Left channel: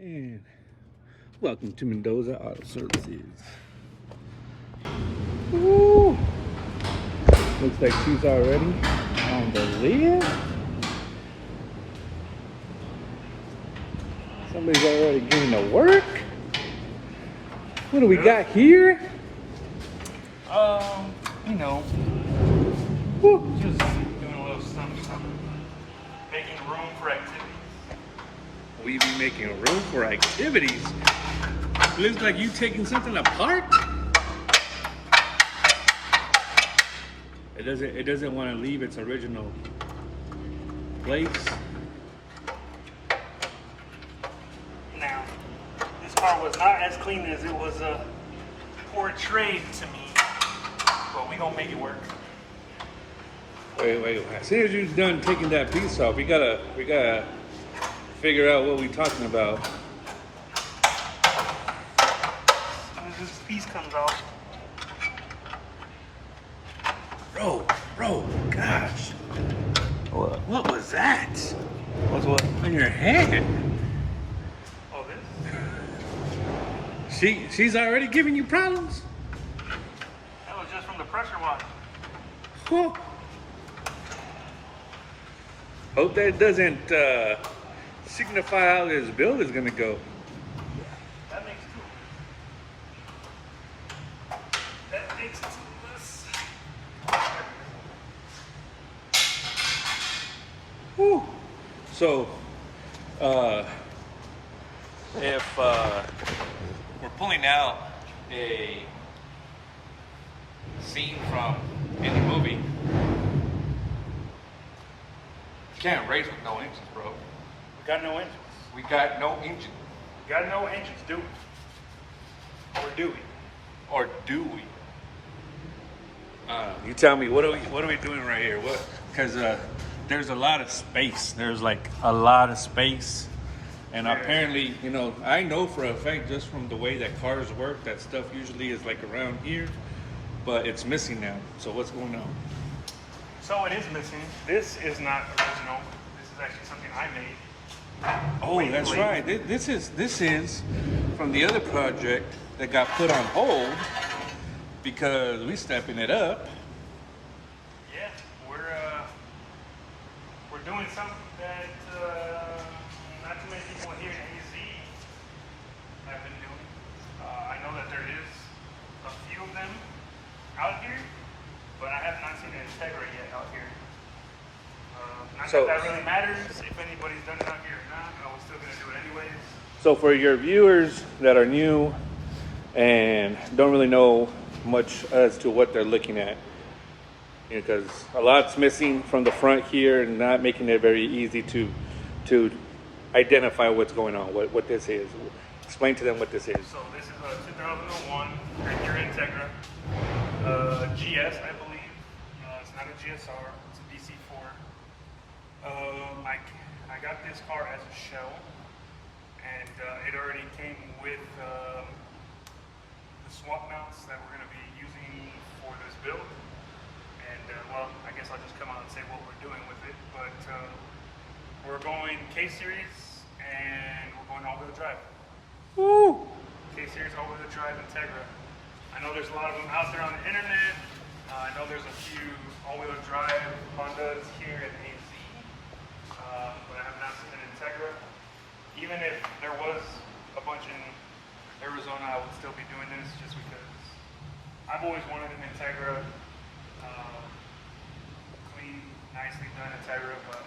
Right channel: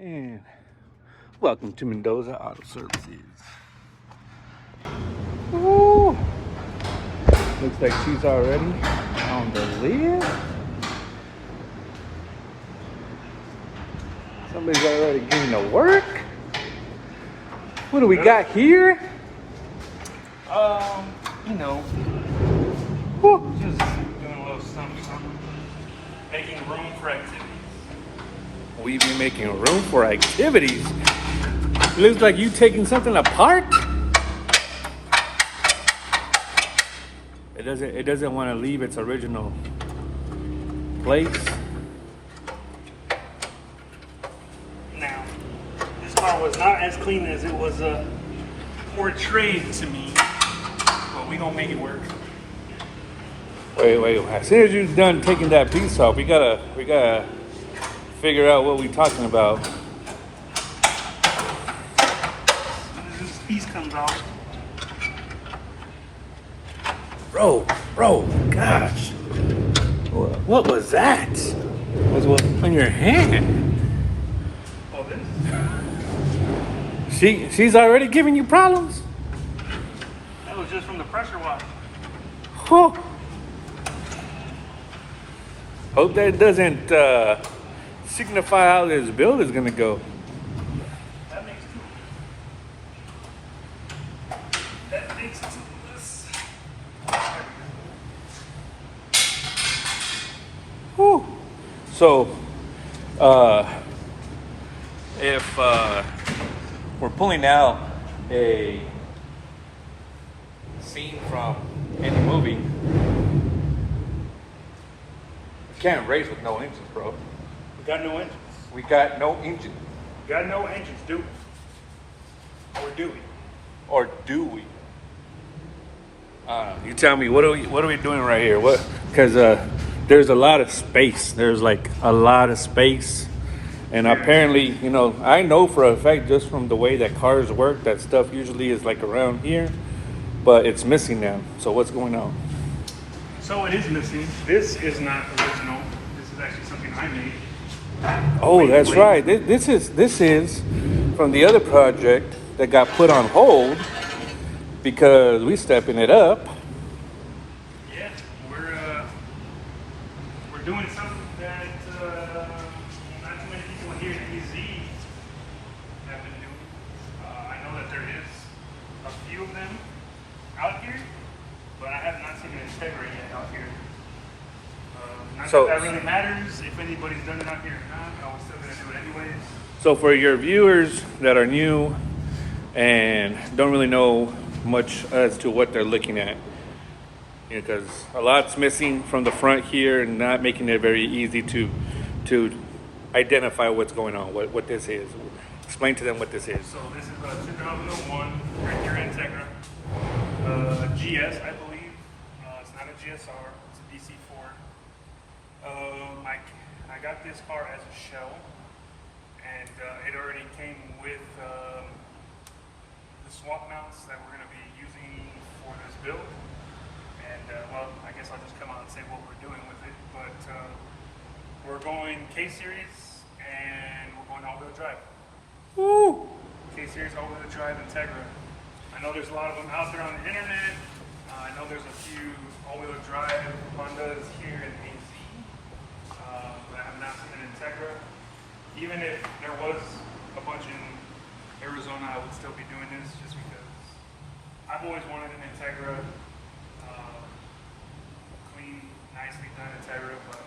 And welcome to Mendoza Auto Services. Woo! Looks like she's already on the lid. Somebody's already getting to work. What do we got here? You know, Woo. just doing a little something, making room for activities. We be making room for activities. Looks like you taking something apart. It doesn't want to leave its original place. Now, this car was not as clean as it was portrayed to me, but we gonna make it work. Wait. As soon as you're done taking that piece off, we gotta figure out what we're talking about. As this piece comes out, Bro, gosh. What was that? what's what? On your hand? Oh, this? She's already giving you problems? That was just from the pressure wash. Huh. Hope that doesn't signify how this build is gonna go. That makes it to this. Whew. So, if we're pulling out a scene from any movie, we can't race with no engines, bro. We got no engines. We got no engine. We got no engines, do we? Or do we? Or do we? You tell me, what are we doing right here? What? Because there's a lot of space. There's like a lot of space, and apparently, you know, I know for a fact just from the way that cars work, that stuff usually is like around here, but it's missing now. So what's going on? So it is missing. This is not original. This is actually something I made. Oh, that's right. This is from the other project that got put on hold because we stepping it up. Yeah, we're doing something that not too many people here in DZ have been doing. I know that there is a few of them out here, but I have not seen an Integra yet out here. Not So- that really matters if anybody's done it out here or not, but I was still gonna do it anyways. So for your viewers that are new and don't really know much as to what they're looking at, because a lot's missing from the front here and not making it very easy to identify what's going on, what this is. Explain to them what this is. So this is a 2001 Integra Integra GS, I believe. It's not a GSR, it's a DC4. I got this car as a shell, and it already came with the swap mounts that we're going to be using for this build. And well, I guess I'll just come out and say what we're doing with it. But we're going K-Series and we're going all-wheel drive. Woo! K-Series all-wheel drive Integra. I know there's a lot of them out there on the internet. I know there's a few all-wheel drive Hondas here in AZ, but I have not seen an Integra. Even if there was a bunch in Arizona, I would still be doing this just because I've always wanted an Integra, clean, nicely done Integra, but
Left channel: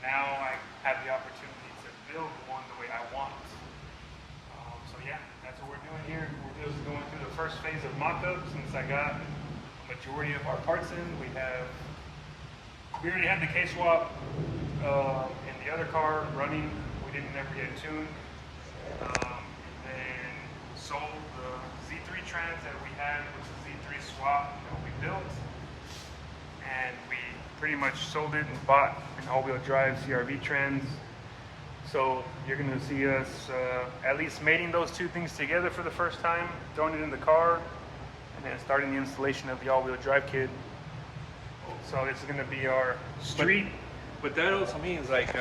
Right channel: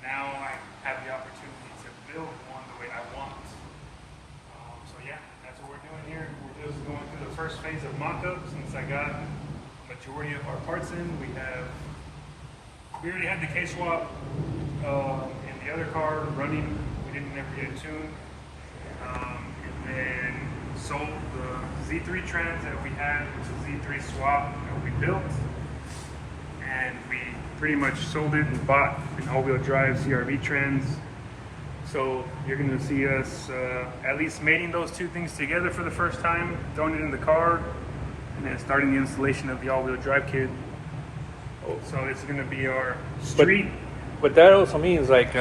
now I have the opportunity to build one the way I want. So yeah, that's what we're doing here. We're just going through the first phase of mock-up since I got the majority of our parts in. We already had the K-swap in the other car running. We didn't ever get it tuned. And sold the Z3 trans that we had, which was Z3 swap that we built. And we pretty much sold it and bought an all-wheel drive CRV trans. So you're going to see us at least mating those two things together for the first time, throwing it in the car, and then starting the installation of the all-wheel drive kit. So this is going to be our street. But that also means like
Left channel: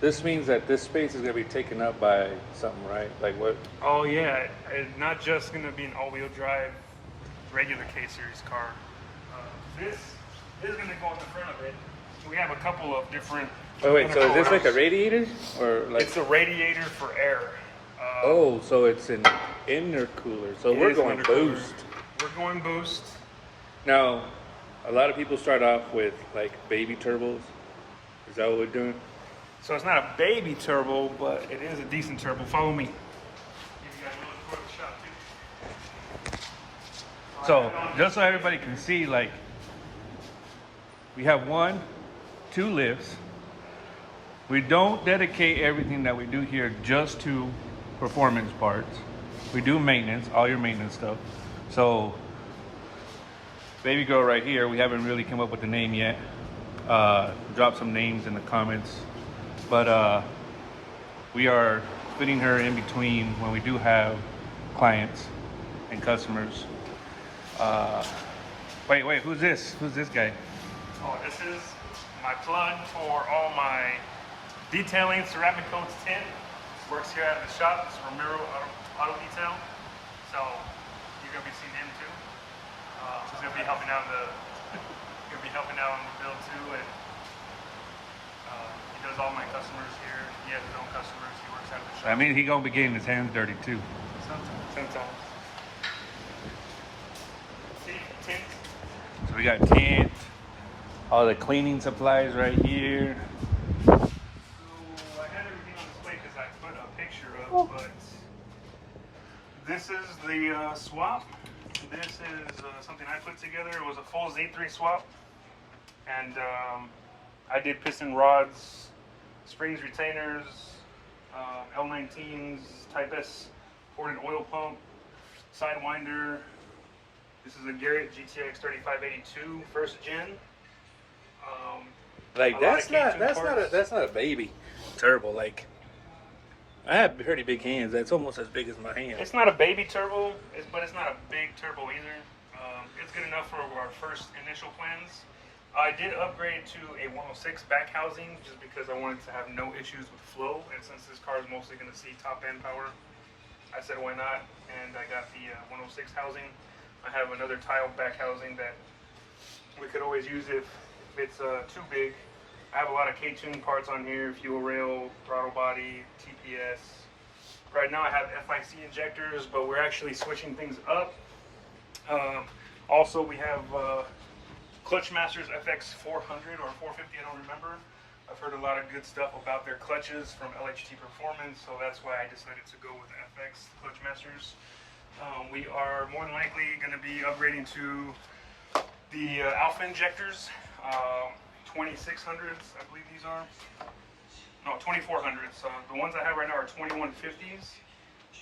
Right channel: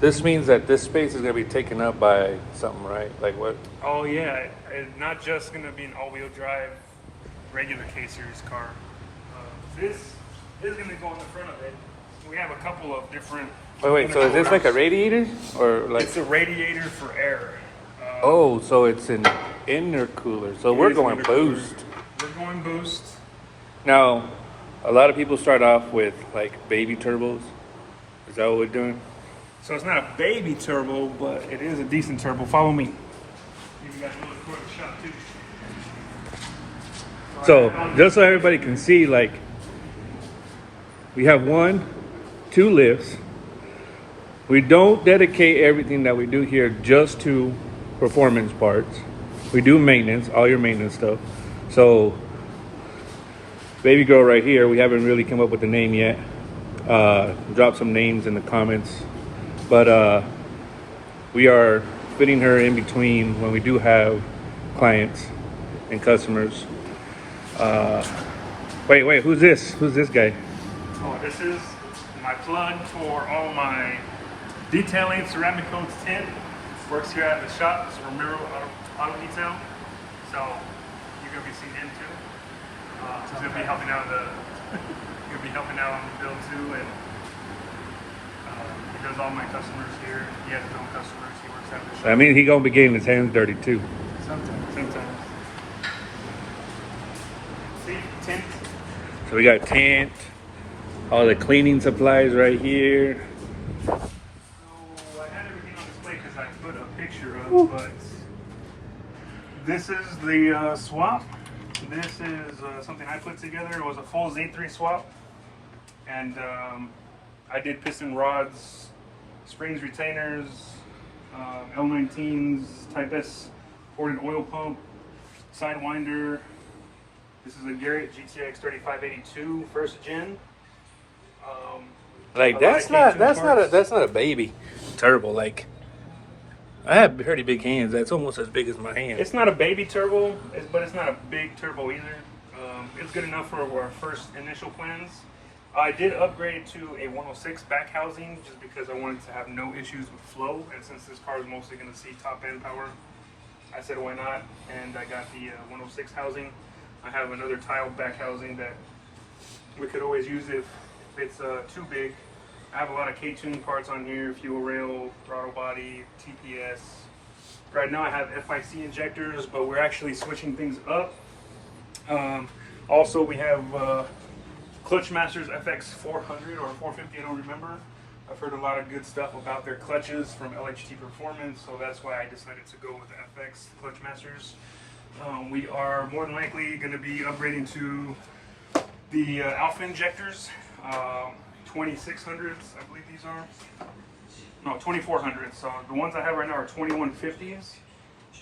This means that this space is gonna be taken up by something, right? Like what? Oh yeah, and not just going to be an all-wheel drive regular K-Series car. This is going to go in the front of it. We have a couple of different. Wait, so is this like a radiator? Or like It's a radiator for air. oh, so it's an intercooler. So It we're is going intercooler. boost. We're going boost. Now, a lot of people start off with like baby turbos. Is that what we're doing? So it's not a baby turbo, but it is a decent turbo. Follow me. You guys know the the shop too. So just so everybody can see, like we have 2 lifts. We don't dedicate everything that we do here just to performance parts. We do maintenance, all your maintenance stuff. So baby girl right here, we haven't really come up with a name yet. Drop some names in the comments. But we are fitting her in between when we do have clients and customers. Wait, who's this? Who's this guy? Oh, this is my plug for all my detailing ceramic coats tint. Works here at the shop. It's Ramiro Auto Detail. So you're gonna be seeing him too. He's gonna be helping out gonna be helping out on the build too, and he does all my customers here. He has his own customers. He works at the shop. I mean, he gonna be getting his hands dirty too. Sometimes. See, tint. So we got tint, all the cleaning supplies right here. So I had everything on display because I put a picture of, but this is the swap. This is something I put together. It was a full Z3 swap, and I did piston rods, springs, retainers, L19s, Type S ported oil pump, sidewinder. This is a Garrett GTX 3582 first gen. Like a lot of K2 that's not a baby turbo. Like I have pretty big hands. That's almost as big as my hand. It's not a baby turbo, but it's not a big turbo either. It's good enough for our first initial plans. I did upgrade to a 106 back housing just because I wanted to have no issues with flow, and since this car is mostly going to see top end power, I said why not, and I got the 106 housing. I have another tile back housing that we could always use if it's too big. I have a lot of K-tune parts on here, fuel rail, throttle body, TPS. Right now I have FIC injectors, but we're actually switching things up. Also we have Clutchmasters FX 400 or 450, I don't remember. I've heard a lot of good stuff about their clutches from LHT Performance, so that's why I decided to go with the FX Clutchmasters. We are more than likely going to be upgrading to the Alpha injectors, 2600s, I believe these are. No, 2400s. So the ones I have right now are 2150s,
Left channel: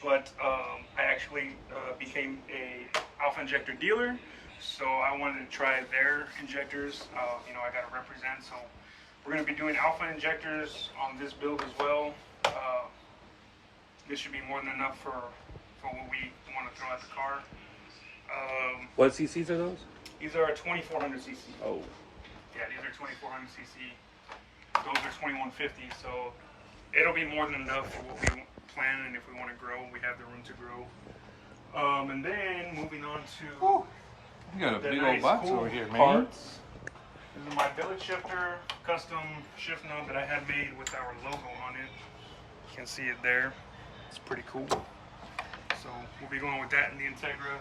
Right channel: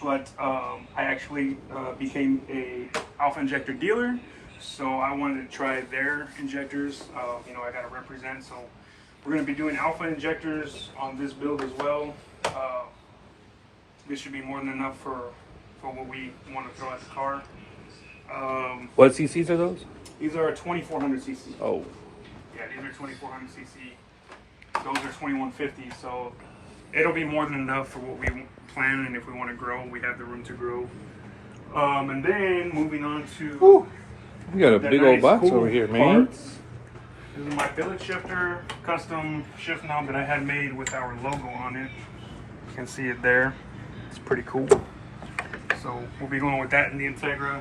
but I actually became a Alpha injector dealer, so I wanted to try their injectors. You know, I got to represent, so we're going to be doing Alpha injectors on this build as well. This should be more than enough for what we want to throw at the car. What CCs are those? These are 2400 cc. Oh, Yeah, these are 2400 cc. Those are 2150, so it'll be more than enough for what we plan, and if we want to grow, we have the room to grow. And then moving on to you got a the big old nice, box cool over here, man. parts. This is my billet shifter, custom shift knob that I had made with our logo on it. You can see it there. It's pretty cool. So we'll be going with that in the Integra.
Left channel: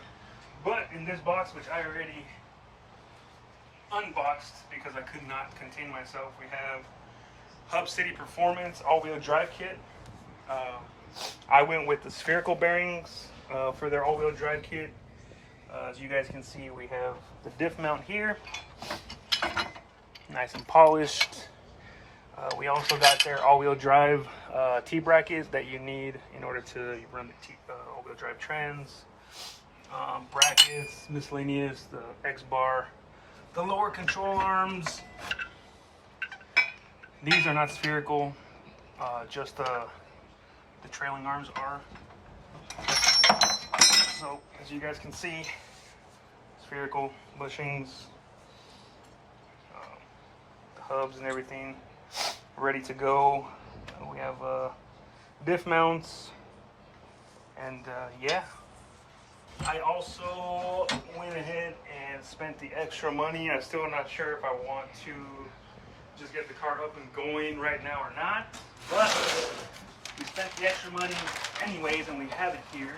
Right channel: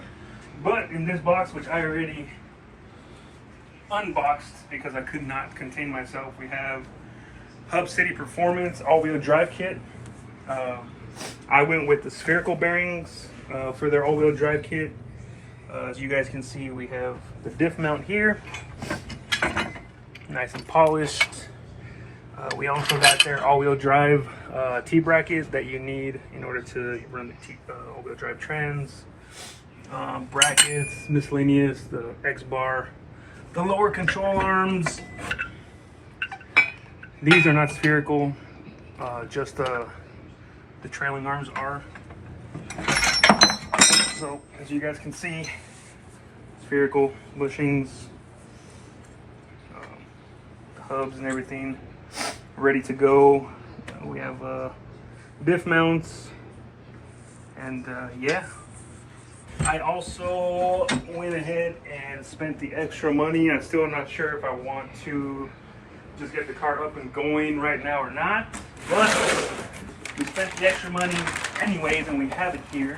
But in this box, which I already unboxed because I could not contain myself, we have Hub City Performance all-wheel drive kit. I went with the spherical bearings for their all-wheel drive kit. As you guys can see, we have the diff mount here, nice and polished. We also got their all-wheel drive T-brackets that you need in order to run the all-wheel drive trans. Brackets, miscellaneous, the X-bar, the lower control arms. These are not spherical, just the trailing arms are. So as you guys can see, spherical bushings, the hubs and everything ready to go. We have diff mounts, and yeah. I also went ahead and spent the extra money. I'm still not sure if I want to just get the car up and going right now or not, but we spent the extra money anyways, and we have it here.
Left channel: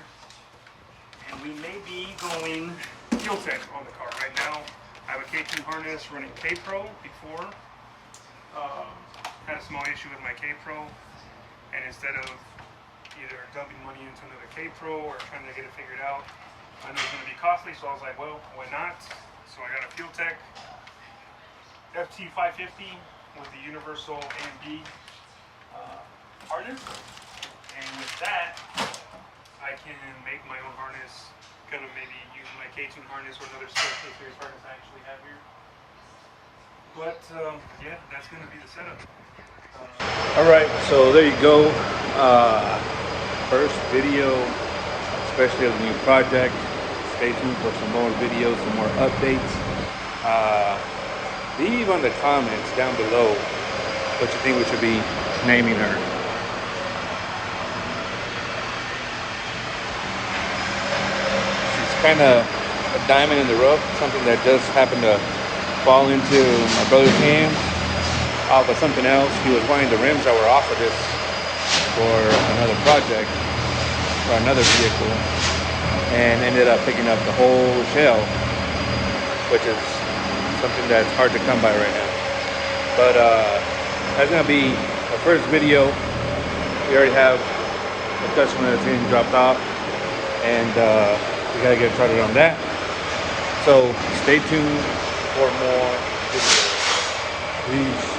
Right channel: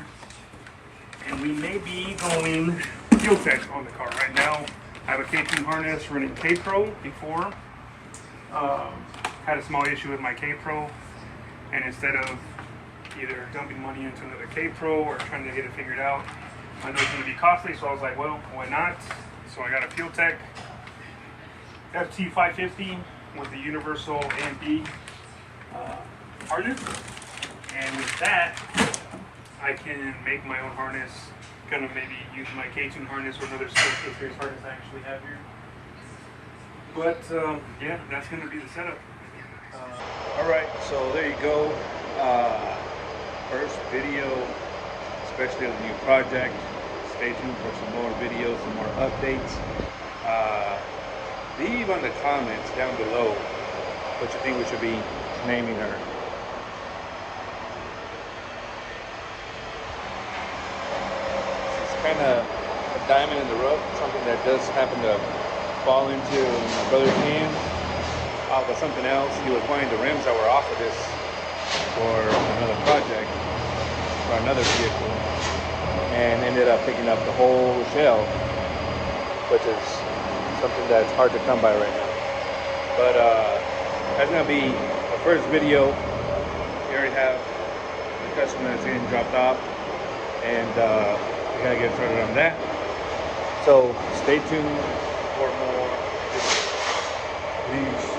And we may be going fuel tech on the car right now. I have a K2 harness running K-Pro before. Had a small issue with my K-Pro, and instead of either dumping money into another K-Pro or trying to get it figured out, I know it's going to be costly, so I was like, well, why not? So I got a Fuel Tech FT550 with the universal AMP harness, and with that, I can make my own harness. Gonna maybe use my K2 harness or another K-Series harness I actually have here. But yeah, that's gonna be the setup. All right, so there you go. First video, especially of the new project. Stay tuned for some more videos, some more updates. Leave on the comments down below what you think we should be naming her. She's kind of a diamond in the rough, something that just happened to fall into my brother's hands off of something else. He was wanting the rims that were off of this for another project, for another vehicle, and ended up picking up the whole tail, which is something that's hard to come by right now. But that's gonna be the first video. We already have the customer that's getting dropped off, and we gotta get started on that. So stay tuned for more videos. Peace.